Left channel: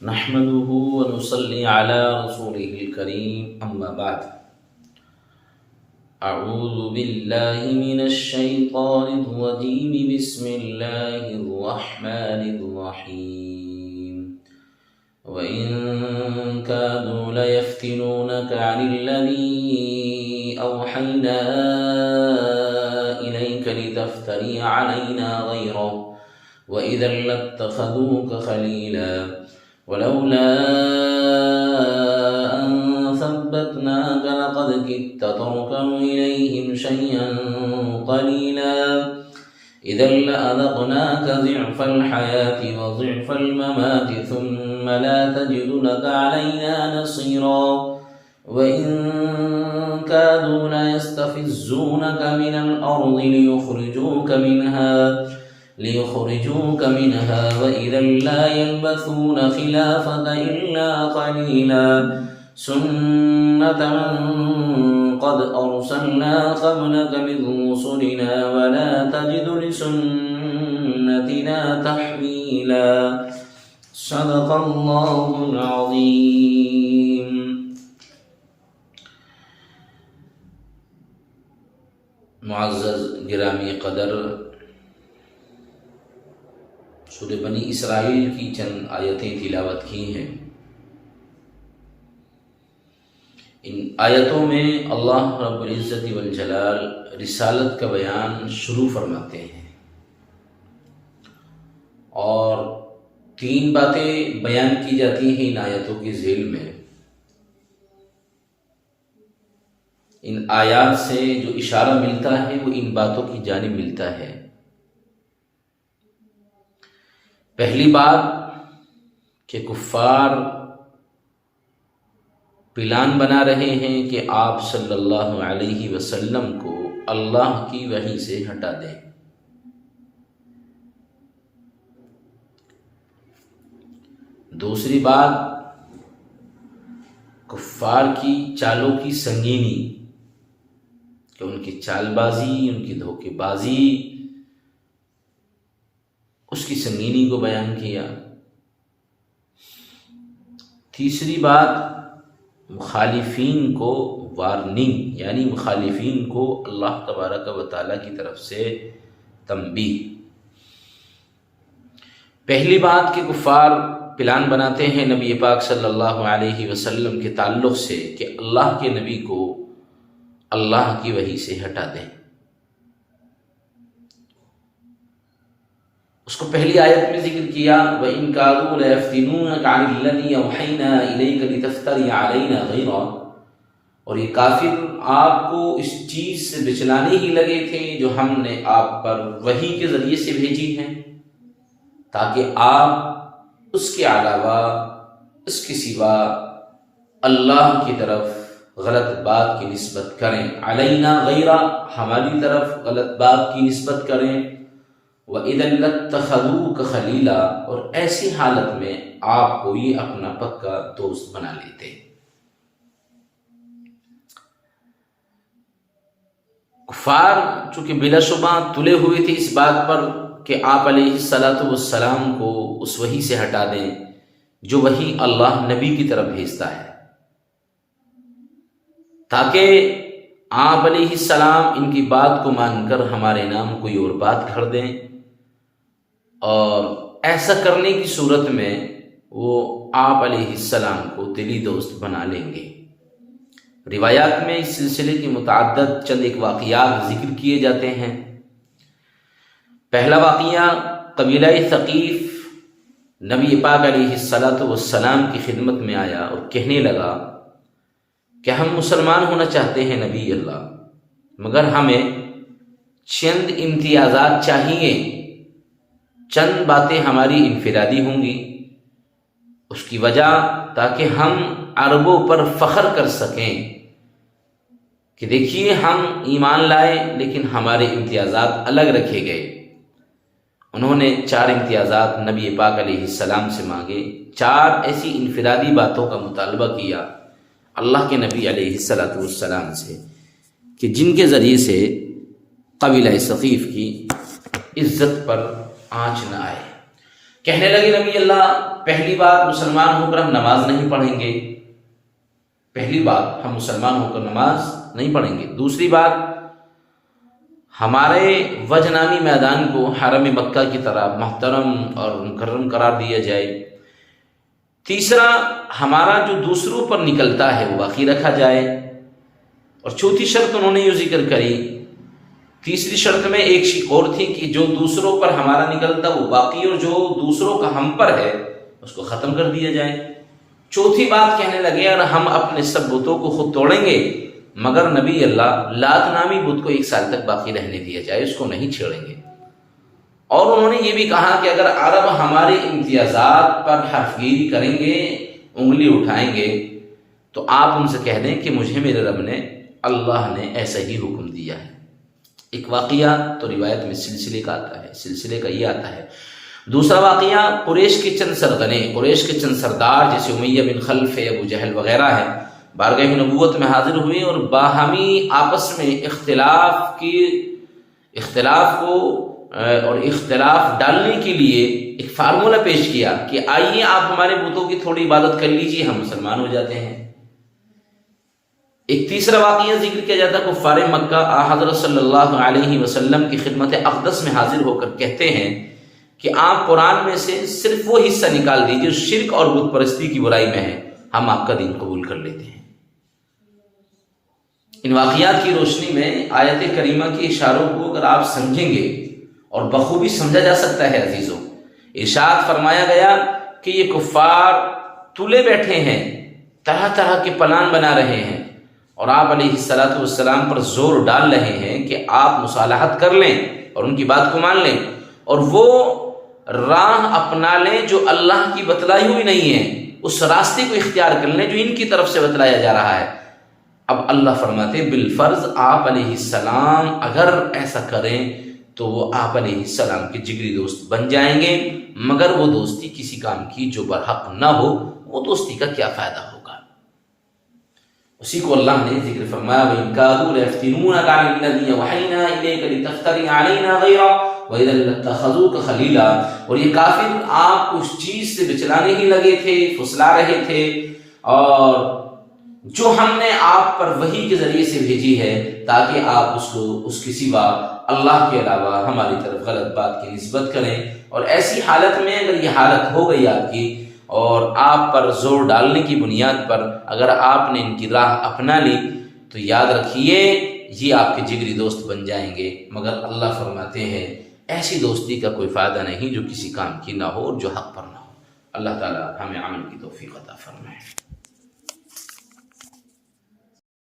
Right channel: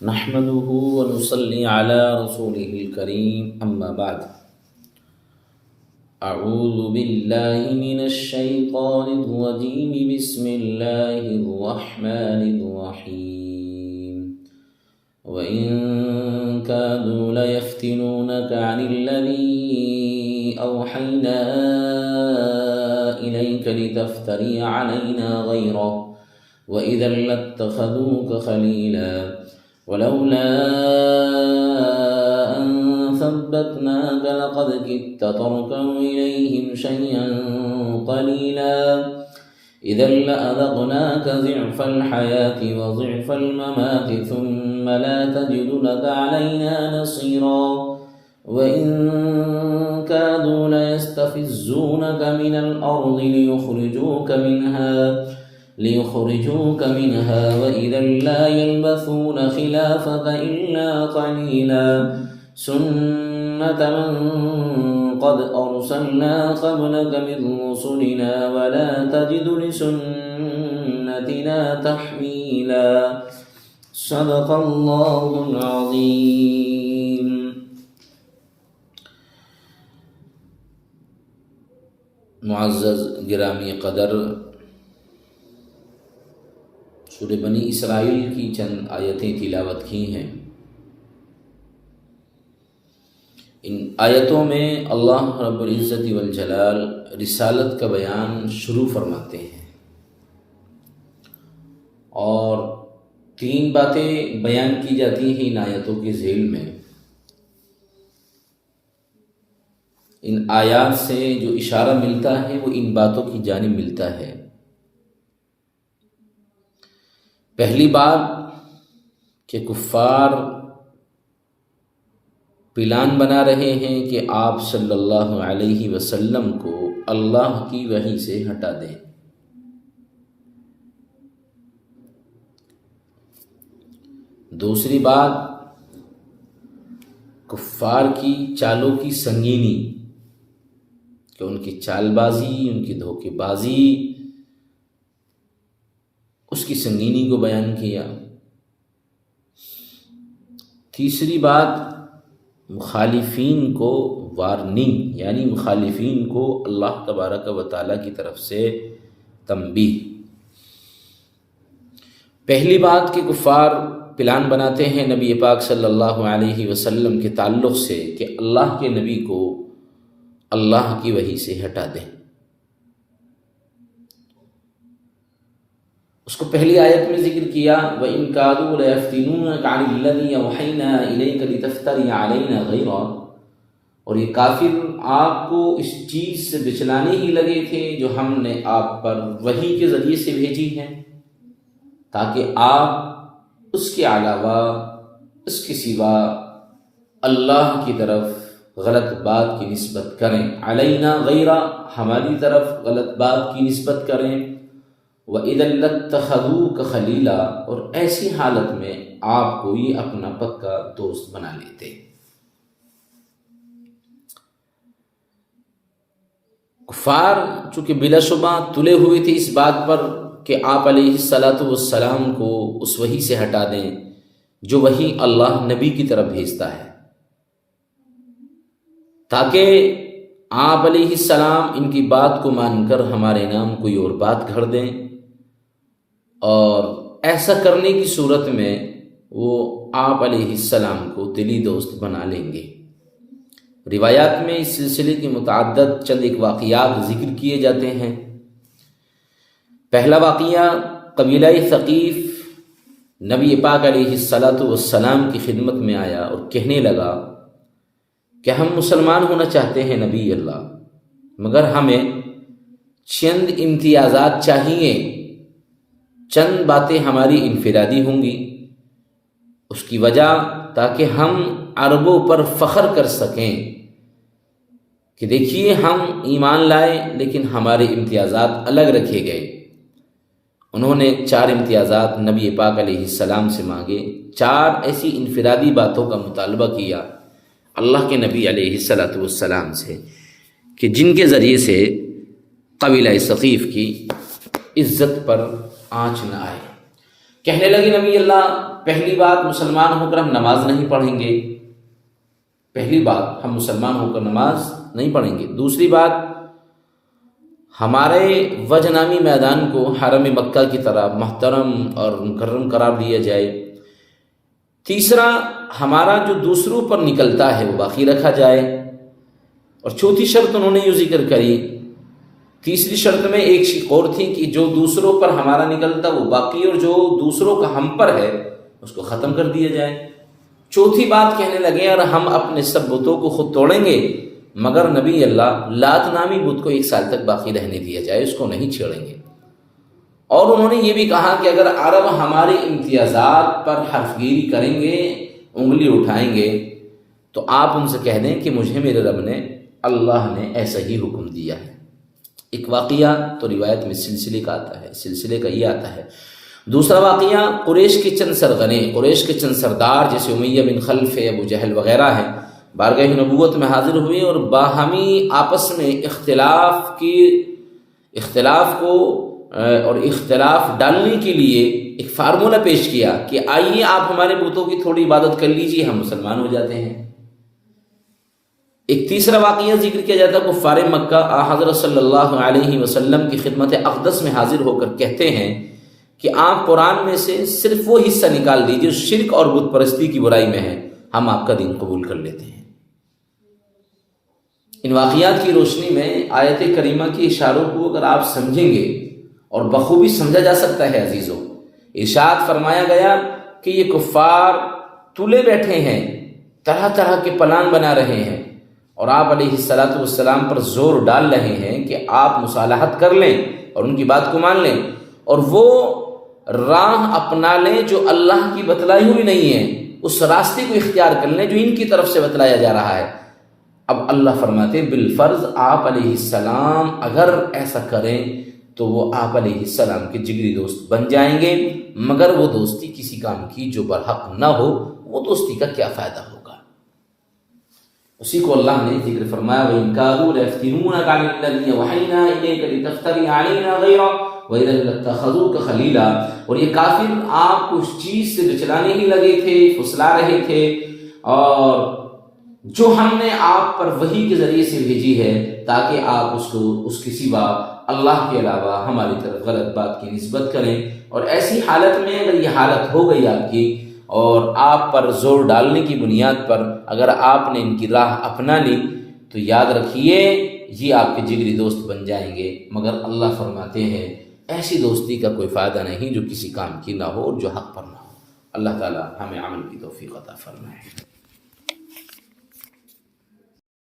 نحمده ونصلي على رسوله الكريم أما بعد أعوذ بالله من الشيطان الرجيم بسم الله الرحمن الرحيم وإن كادوا ليفتنونك عن الذي أوحينا إليك لتفتري علينا غيره وإذا لاتخذوك خليلا ولولا أن ثبتناك لقد كدت تركن إليهم شيئا قليلا إذا لأذقناك ضعف الحياة وضعف الممات ثم لا تجد لك علينا نصيرا وإن كادوا ليستفزونك من الأرض ليخرجوك منها وإذا لا يلبثون خلافك إلا قليلا سنة من قد أرسلنا قبلك من رسلنا ولا تجد لسنتنا تحويلا صدق الله العظيم. معزز گرامی قدر، سورہ بنی اسرائیل کی چند آیتیں تلاوت کی ہیں۔ ان آیتوں میں اللہ رب العزت والجلال رسالت کا بیان شروع فرماتے ہیں اور تین باتیں بیان کی جاتی ہیں ان آیتوں کے ذیل میں۔ ان آیات سے جو اشارہ ملتا ہے وہ ان باتوں کی جانب ملتا ہے۔ پہلی بات کہ کفار پلان بنا رہے ہیں کہ آپ صلی اللہ علیہ وسلم کو اللہ کی وحی سے ہٹا دیں۔ دوسری بات کفار کی چالوں کی سنگینی، کہ ان کی چال بازی، ان کی دھوکے بازی، اس کی سنگینی کو بیان کیا۔ تیسری بات مخالفین کو وارننگ، یعنی مخالفین کو اللہ تبارک و تعالیٰ کی طرف سے تنبیہ۔ پہلی بات کہ کفار پلان بناتے ہیں نبی پاک صلی اللہ علیہ وسلم کے تعلق سے کہ اللہ کے نبی کو اللہ کی وحی سے ہٹا دیں۔ اس کو پہلی آیت میں ذکر کیا وَإِن كَادُوا لَيَفْتِنُونَكَ عَنِ الَّذِي أَوْحَيْنَا إِلَيْكَ لِتَفْتَرِيَ عَلَيْنَا غَيْرَهُ، اور یہ کافر آپ کو اس چیز سے بچلانے ہی لگے تھے جو ہم نے آپ پر وحی کے ذریعے سے بھیجی ہے، تاکہ آپ اس کے علاوہ، اس کے سوا اللہ کی طرف غلط بات کی نسبت کریں۔ علینا غیرہ، ہماری طرف غلط بات کی نسبت کریں۔ وَإِذًا لَاتَّخَذُوكَ خَلِيلًا، اور ایسی حالت میں آپ کو یہ اپنا پکا دوست بنا لیتے۔ کفار چونکہ بلا شبہ تلے ہوئے تھے اس بات پر کہ آپ علیہ السلام کو اس وحی سے ہٹا دیں جو وحی اللہ نبی کی طرف بھیجتا ہے، تاکہ آپ علیہ السلام ان کی بات کو مان کر ہمارے نام کوئی اور بات گھڑ دیں، اور ایسا کرنے کی صورت میں وہ آپ علیہ السلام کو دلی دوست بنا لیں گے۔ روایات میں اس سلسلے کے متعدد چند ایک واقعات ذکر کیے جاتے ہیں۔ پہلا واقعہ قبیلہ ثقیف نبی پاک علیہ السلام کی خدمت میں آیا اور کہنے لگا کہ ہم مسلمان ہونا چاہتے ہیں نبی اللہ، مگر ہمیں چند امتیازات چاہیے، چند باتیں ہماری انفرادی ہوں گی، اس کی وجہ تاکہ ہم عربوں پر فخر کر سکیں کہ دیکھیے ہم ایمان لائے لیکن ہمارے امتیازات الگ رکھے گئے۔ انہوں نے 4 امتیازات نبی پاک علیہ السلام سے مانگے، 4 ایسی انفرادی باتوں کا مطالبہ کیا اللہ کے نبی علیہ السلام سے کہ جن کے ذریعے سے قبیلہ ثقیف کی عزت پر آنچ نہ آئے۔ کہنے لگے نبی اللہ پہلی بات مسلمان ہو کر ہم نماز نہیں پڑھیں گے، پہلی بات ہم مسلمان ہو کر نماز نہیں پڑھیں گے، دوسری بات ہمارے وجہ نامی میدان کو حرم مکہ کی طرح محترم اور مکرم قرار دیا جائے، تیسرا ہمارا جو دوسروں پر نکلتا ہے وہ باقی رکھا جائے، اور چوتھی شرط انہوں نے یہ ذکر کری، تیسری شرط میں ایک شق اور تھی کہ جو دوسروں پر ہمارا نکلتا وہ باقی، اور جو دوسروں کا ہم پر ہے اس کو ختم کر دیا جائے۔ چوتھی بات کہنے لگے اور ہم اپنے سب بتوں کو خود توڑیں گے، مگر نبی اللہ لات نامی بت کو 1 سال تک باقی رہنے دیا جائے، اس کو نہیں چھیڑیں گے۔ اور انہوں نے یہ بھی کہا کہ اگر عرب ہمارے امتیازات پر حرف گیری کریں گے، انگلی اٹھائیں گے، تو آپ ان سے کہہ دیں کہ مجھے میرے رب نے، اللہ نے ایسا ہی حکم دیا ہے۔ ایک واقعہ تو روایت میں سلسلے کا آتا ہے، سلسلے کا یہ آتا ہے۔ دوسرا واقعہ قریش کے چند سرغنے، قریش کے چند سردار جیسے امیہ بن خلف، ابو جہل وغیرہ ہیں، بارگاہ نبوت میں حاضر ہوئے اور باہمی آپس میں اختلاف ڈالنے کے لیے ایک فارمولہ پیش کیا کہ آئیے آپ ہمارے بتوں کی تھوڑی عبادت کر لیجیے، ہم مسلمان ہو جاتے ہیں۔ ایک تیسرا واقعہ ذکر کیا جاتا ہے، کفار مکہ حضرت صلی اللہ علیہ وسلم کی خدمت اقدس میں حاضر ہو کر کہتے ہیں کہ آپ قرآن میں سے صرف وہ حصہ نکال دیجیے جو شرک اور بت پرستی کی برائی میں ہے، ہم آپ کا دین قبول کر لیتے ہیں۔ ان واقعات کی روشنی میں آیت کریمہ کے اشاروں کو اگر آپ سمجھیں گے، اور بخوبی سمجھا جا سکتا ہے عزیزوں، ارشاد فرمایا گیا کہ یہ کفار تلے بیٹھے ہیں، طرح طرح کے پلان بنا رہے ہیں، اور آپ علیہ السلام پر زور ڈال رہے ہیں کہ آپ مصالحت کر لیں اور ان کی بات کو مان لیں، اور وہ راہ اپنا لیں جو اللہ کی بتلائی ہوئی نہیں ہے، اس راستے کو اختیار کر لیں جو ان کی طرف سے بتلایا جا رہا ہے۔ اب اللہ فرماتے بالفرض آپ علیہ السلام اگر ایسا کریں تو وہ آپ علیہ السلام کے جگری دوست بن جائیں گے، مگر وہ دوستی کسی کام کی جو برحق نہ ہو، وہ دوستی کا کیا فائدہ ہوگا؟ اسی کو اللہ نے ذکر فرمایا وَإِن كَادُوا لَيَفْتِنُونَكَ عَنِ الَّذِي أَوْحَيْنَا إِلَيْكَ لِتَفْتَرِيَ عَلَيْنَا غَيْرَهُ وَإِذًا لَّاتَّخَذُوكَ خَلِيلًا، اور یہ کافر آپ کو اس چیز سے بچلانے ہی لگے تھے، پھسلا رہے تھے، اور جو ہم نے آپ پر وحی کے ذریعے سے بھیجی ہے تاکہ آپ اس کو اس کے سوا اللہ کے علاوہ ہماری طرف غلط بات کی نسبت کریں، اور ایسی حالت میں اگر یہ حالت ہو گئی آپ کی اور آپ پر زور ڈالنے کی بنیاد پر اگر آپ نے ان کی راہ اپنا لی تو یاد رکھیے یہ آپ کے جگری دوست بن جائیں گے، مگر اللہ فرماتے ہیں ایسی دوستی کا کوئی فائدہ نہیں جو کسی کام کی نہ ہو اور جو حق پر نہ ہو۔ اللہ تعالی ہمیں عمل کی توفیق عطا فرمائے۔